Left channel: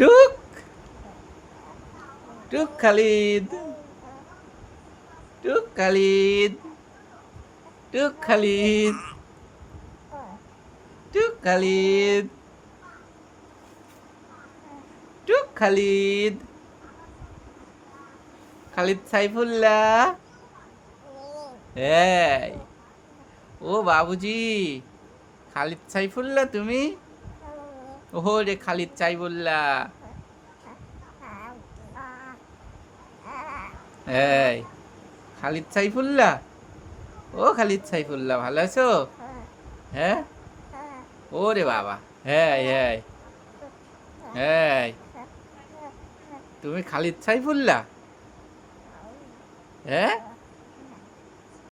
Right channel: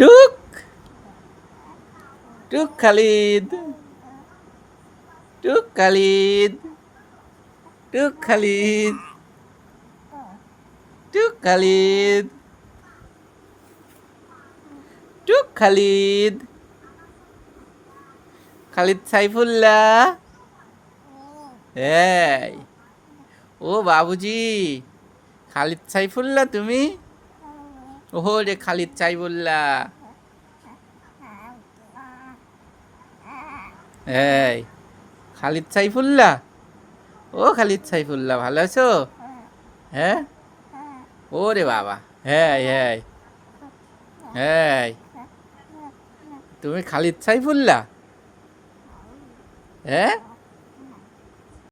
টুক টুক খালিদ, টুক খালিদ, টুক খালিদ, টুক খালিদ, টুক খালিদ, খালিদ সাইফুল্লাহ। এই ও বাবুজি, খালিদ সাইফুল্লাহ তুমি? ওহো রে খালিদ সাইফুল্লাহ। এই খালিদ সাইফুল্লাহ, ও খালিদ সাইফুল্লাহ, ভালো আছো? হ্যাঁ, ও রে বাবা, হ্যাঁ হ্যাঁ হ্যাঁ, তুমি খালিদ সাইফুল্লাহ? হ্যাঁ।